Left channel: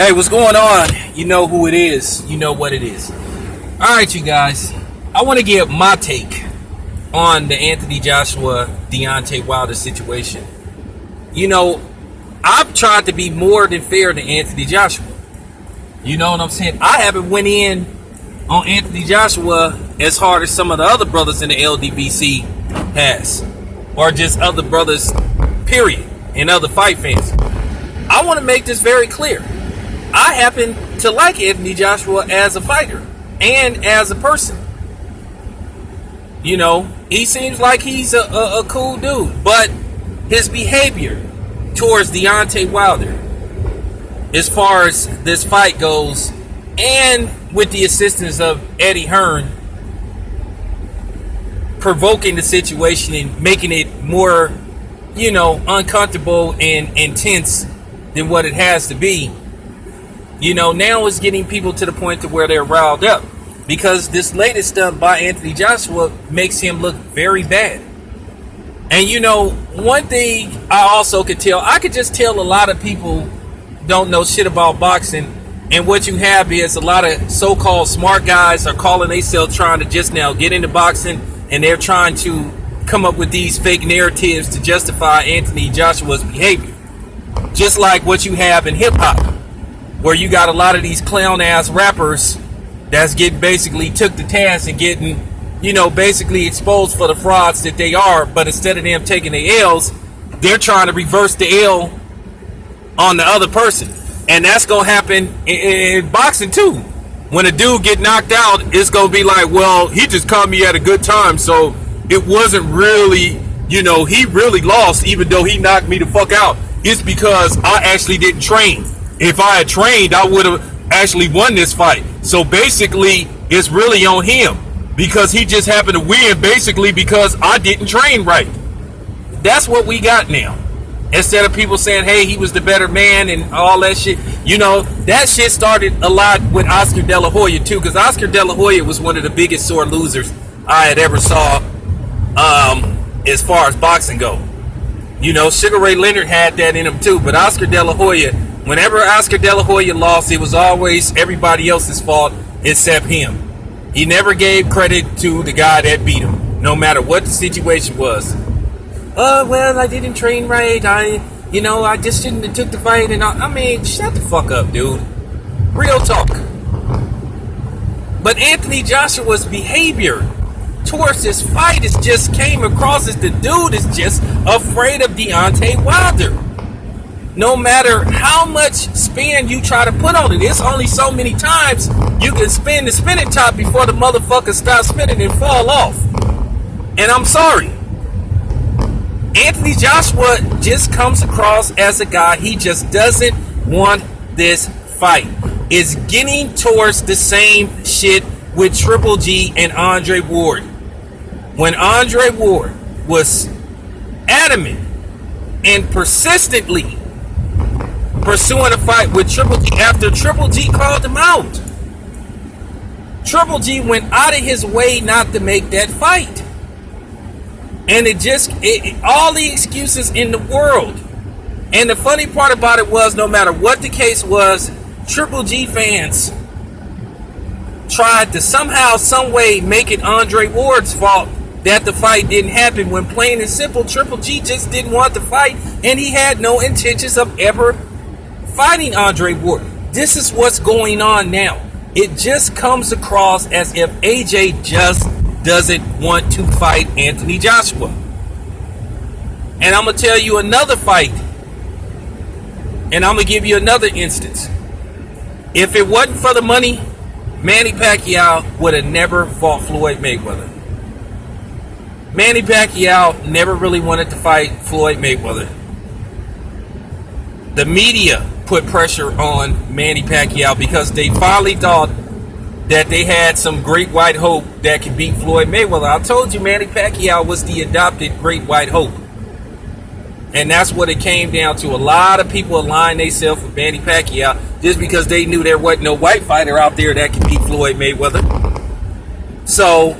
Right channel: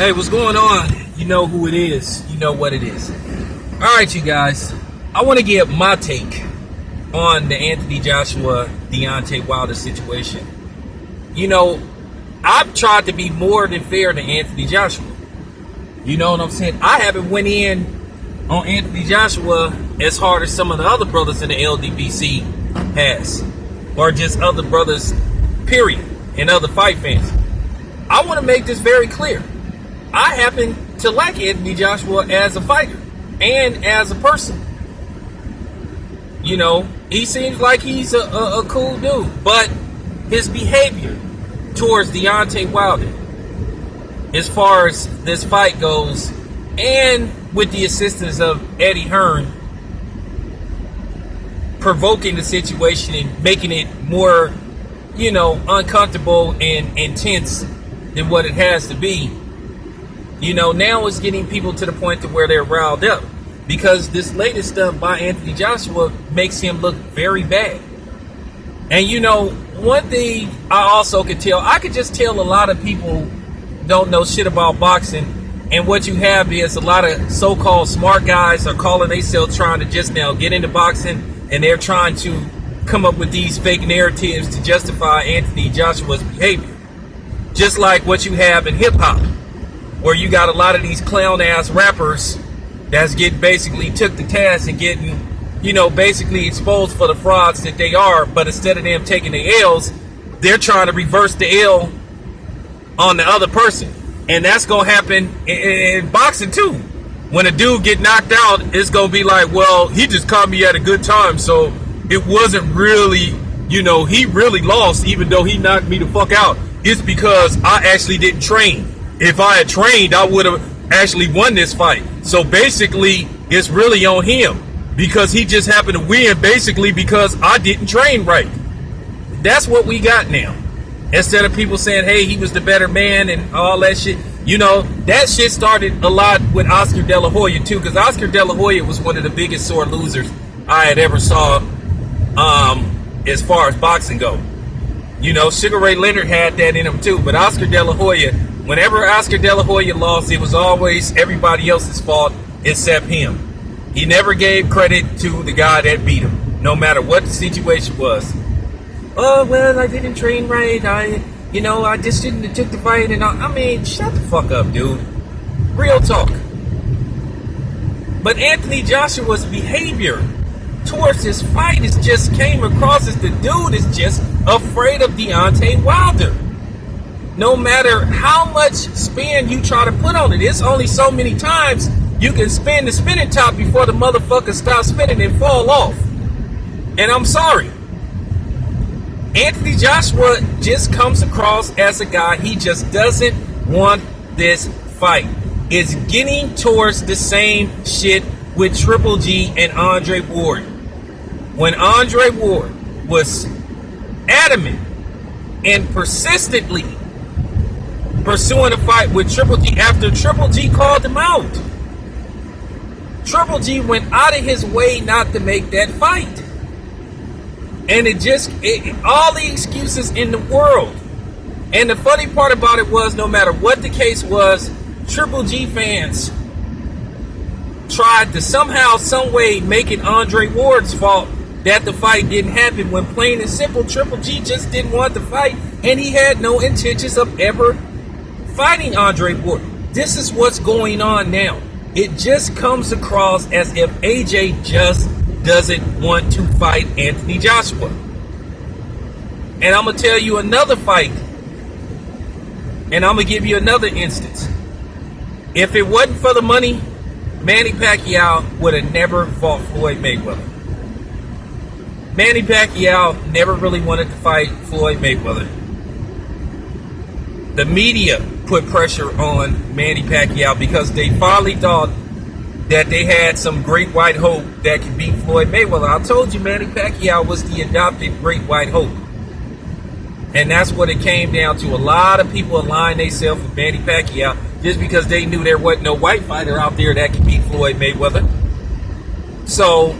Hey, what's going on? You know who it is. You know what it is. Alright, you guys. I want to give my take on the Anthony Joshua, Deontay Wilder situation. You know, I've tried to be more than fair to Anthony Joshua. You know what I'm saying? I haven't went in on Anthony Joshua as hard as some of the other brothers in the LDBC has. Or just other brothers, period. And other fight fans. I want to make this very clear. I happen to like Anthony Joshua as a fighter and as a person. You know, he seems like he's a cool dude, but his behavior towards Deontay Wilder, as far as this fight goes, and with the assistance of Eddie Hearn, provoking the situation and making it more, you know, uncomfortable and intense than what it has to be. You know, now it's getting people to the point to where they're riled up. Because this latest stuff by Anthony Joshua makes him look very bad. And you know, one thing I also could tell, I could just tell a lot of people don't know shit about boxing. And what you have is a lot of so-called smart guys are calling themselves trying to just now get into boxing. And they're trying to come up with these fake narratives to justify Anthony Joshua's behavior. Just like what you have in hip-hop, where you got a lot of these clown-ass rappers that's getting basically took to task and getting, you know, basically exposed for the frauds that they are. But instead of them taking the L's, they're trying to reverse the L on the other person. And that's going to happen in boxing too. When a dude get knocked out, it's going to be like, well, he just caught me at a good time. So it wasn't really, you know, he really lost even though he knocked me the fuck out. It's because I actually didn't train. If I had trained, I would have actually won this fight. So basically, it's really on him. Because he just happened to win, basically because I didn't train right. That's what we got now. Instead of people saying, hey, he was the better man and all that shit. You know, that shit started a lot with Oscar De La Hoya too. Because Oscar De La Hoya was one of the biggest sore losers I had ever saw as far as boxing go. You know, Sugar Ray Leonard had that in him too. But Oscar De La Hoya, whenever Oscar De La Hoya lost, it was always everybody else's fault except him. He never gave credit to the guy that beat him, no matter what the situation was. Oh, well, I didn't train right. I just shouldn't have took the fight and all. I mean, shut the fuck up, dude. Real talk. But Anthony Joshua's behavior towards this fight is just came across as the dude is just afraid of Deontay Wilder. No matter how much spin you try to put on it, it's only so many times you can spin the spinning top before the motherfucker stops spinning and fall off. And I'm sorry. Anthony Joshua just comes across as a guy, he just doesn't want this fight. It's getting towards the same shit with Triple G and Andre Ward. When Andre Ward was adamant and persistently pursuing a fight with Triple G after Triple G called him out, Triple G went out of his way not to make that fight. And all the excuses in the world. And the funny part about it was, no matter what the case was, Triple G fans tried to somehow, some way make it Andre Ward's fault that the fight didn't happen, when plain and simple, Triple G just didn't want the fight, and he had no intentions of ever fighting Andre Ward. This is what's going on now. It just comes across as if AJ just doesn't want to fight Anthony Joshua. And I'm going to tell you another fight. And I'm going to give you another instance. If it wasn't for the money, Manny Pacquiao would have never fought Floyd Mayweather. Manny Pacquiao never really wanted to fight Floyd Mayweather. The media put pressure on Manny Pacquiao because they finally thought that they had some great white hope that could beat Floyd Mayweather. I told you Manny Pacquiao was the adopted great white hope. And that's what it came down to. A lot of people aligned themselves with Manny Pacquiao just because they knew there wasn't no white fighter out there that could beat Floyd Mayweather. So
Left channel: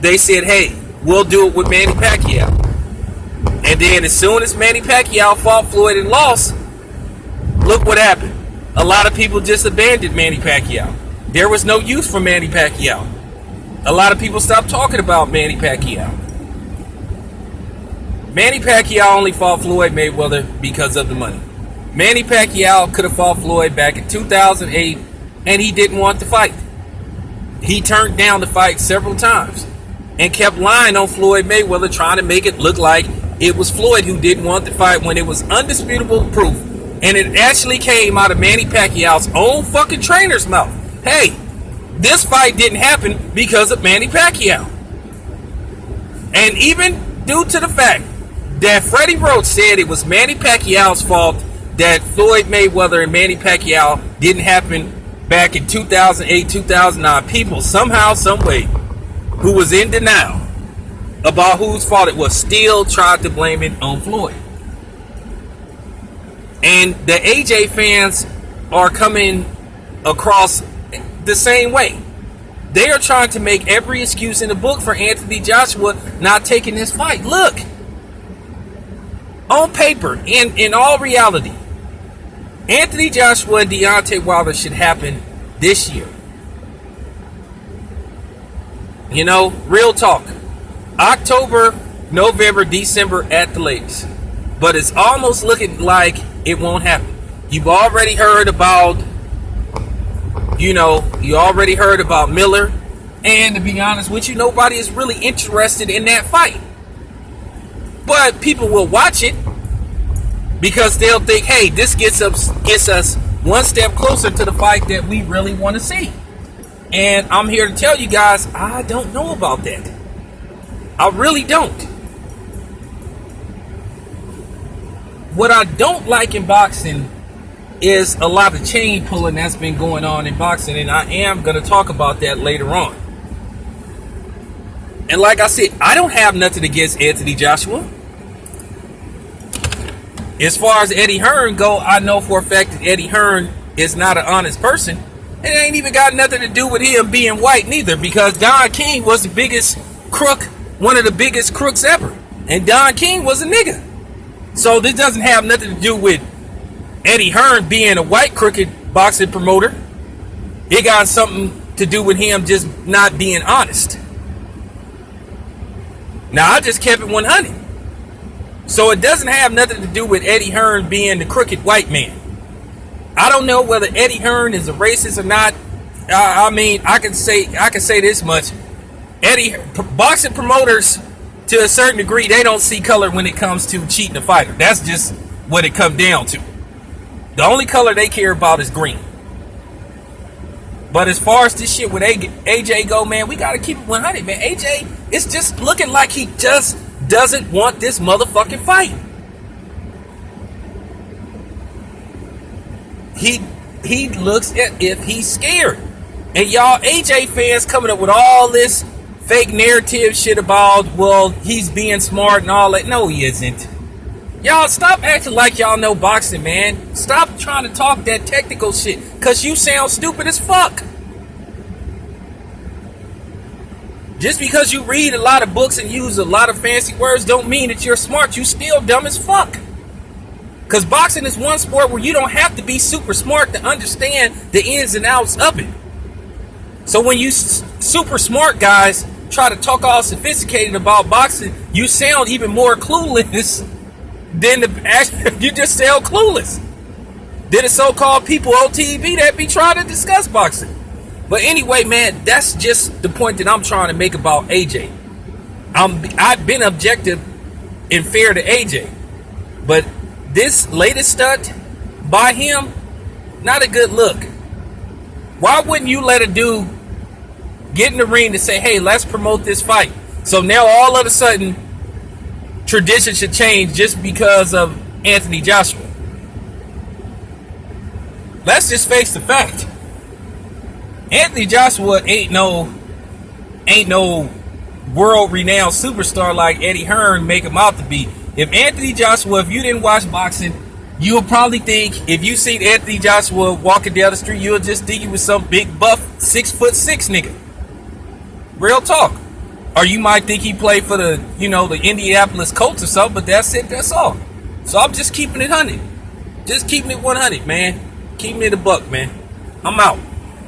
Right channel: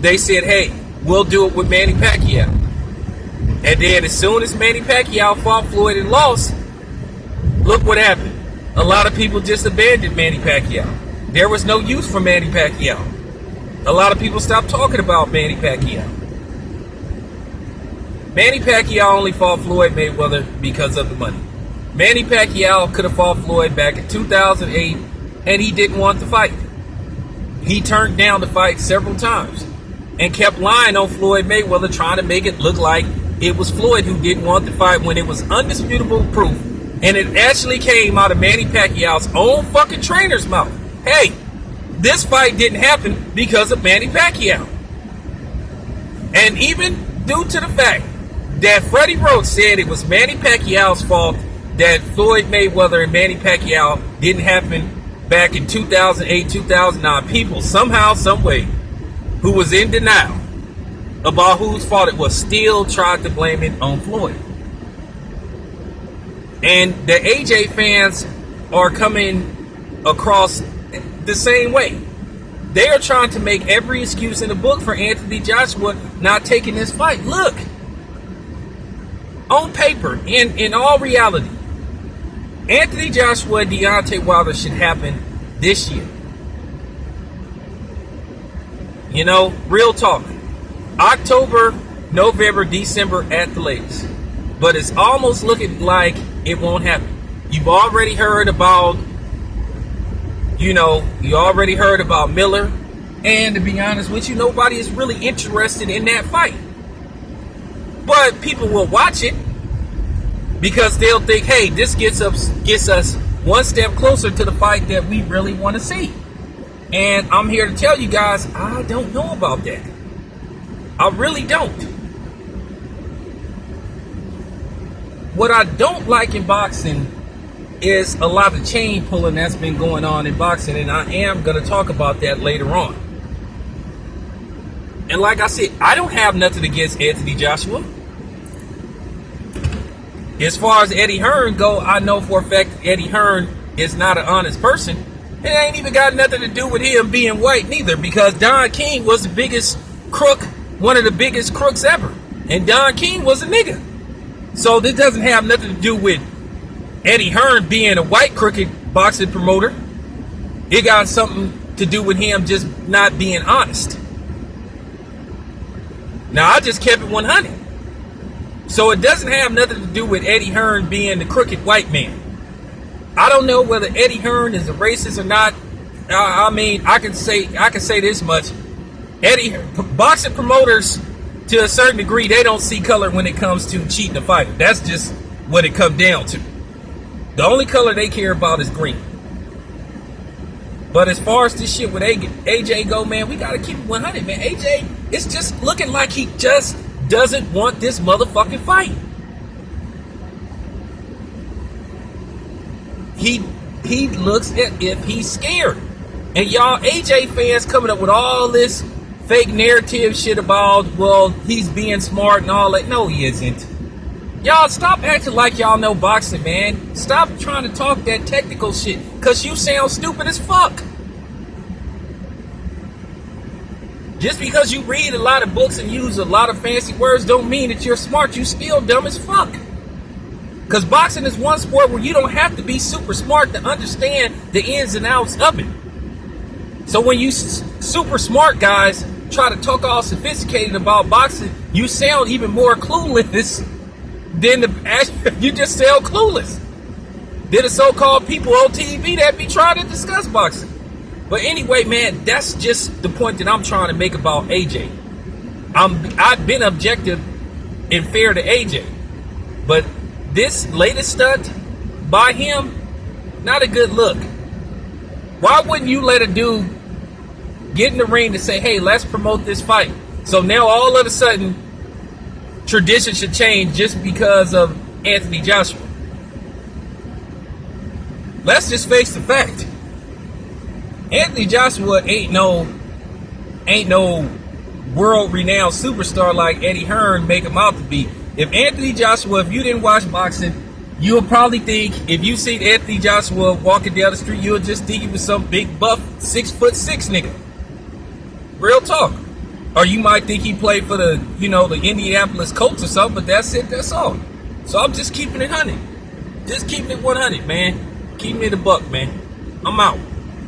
they said, hey, we'll do it with Manny Pacquiao. And then as soon as Manny Pacquiao fought Floyd and lost, look what happened. A lot of people just abandoned Manny Pacquiao. There was no use for Manny Pacquiao. A lot of people stopped talking about Manny Pacquiao. Manny Pacquiao only fought Floyd Mayweather because of the money. Manny Pacquiao could have fought Floyd back in 2008, and he didn't want to fight. He turned down the fight several times and kept lying on Floyd Mayweather, trying to make it look like it was Floyd who didn't want the fight when it was undisputable proof. And it actually came out of Manny Pacquiao's own fucking trainer's mouth. Hey, this fight didn't happen because of Manny Pacquiao. And even due to the fact that Freddie Roach said it was Manny Pacquiao's fault that Floyd Mayweather and Manny Pacquiao didn't happen back in 2008, 2009. People somehow, some way, who was in denial about whose fault it was, still tried to blame it on Floyd. And the AJ fans are coming across the same way. They are trying to make every excuse in the book for Anthony Joshua not taking this fight. Look, on paper, in all reality, Anthony Joshua and Deontay Wilder should happen this year. You know, real talk. October, November, December at the latest. But it's almost looking like it won't happen. You've already heard about, you already heard about Miller. And to be honest with you, nobody is really interested in that fight. But people will watch it because they'll think, hey, this gets us one step closer to the fight that we really want to see. And I'm here to tell you guys, I don't know about that. I really don't. What I don't like in boxing is a lot of chain pulling that's been going on in boxing, and I am going to talk about that later on. And like I said, I don't have nothing against Anthony Joshua. As far as Eddie Hearn go, I know for a fact that Eddie Hearn is not an honest person. It ain't even got nothing to do with him being white neither, because Don King was the biggest crook, one of the biggest crooks ever. And Don King was a nigga. So this doesn't have nothing to do with Eddie Hearn being a white crooked boxing promoter. It got something to do with him just not being honest. Now, I just kept it 100. So it doesn't have nothing to do with Eddie Hearn being the crooked white man. I don't know whether Eddie Hearn is a racist or not. I mean, I can say this much. Boxing promoters, to a certain degree, they don't see color when it comes to cheating a fighter. That's just what it comes down to. The only color they care about is green. But as far as this shit with AJ go, man, we gotta keep it 100, man. AJ, it's just looking like he just doesn't want this motherfucking fight. He looks as if he's scared. And y'all AJ fans coming up with all this fake narrative shit about, well, he's being smart and all that. No, he isn't. Y'all stop acting like y'all know boxing, man. Stop trying to talk that technical shit, because you sound stupid as fuck. Just because you read a lot of books and use a lot of fancy words don't mean that you're smart. You still dumb as fuck. Because boxing is one sport where you don't have to be super smart to understand the ins and outs of it. So when you super smart guys try to talk all sophisticated about boxing, you sound even more clueless than you just sound clueless than the so-called people on TV that be trying to discuss boxing. But anyway, man, that's just the point that I'm trying to make about AJ. I've been objective and fair to AJ, but this latest stunt by him, not a good look. Why wouldn't you let a dude get in the ring to say, hey, let's promote this fight? So now all of a sudden, tradition should change just because of Anthony Joshua. Let's just face the fact. Anthony Joshua ain't no world-renowned superstar like Eddie Hearn make him out to be. If Anthony Joshua, if you didn't watch boxing, you'll probably think, if you seen Anthony Joshua walking down the street, you'll just think he was some big buff 6'6" nigga. Real talk. Or you might think he played for the Indianapolis Colts or something, but that's it, that's all. So I'm just keeping it 100. Just keeping it 100, man. Keep me the buck, man. I'm out.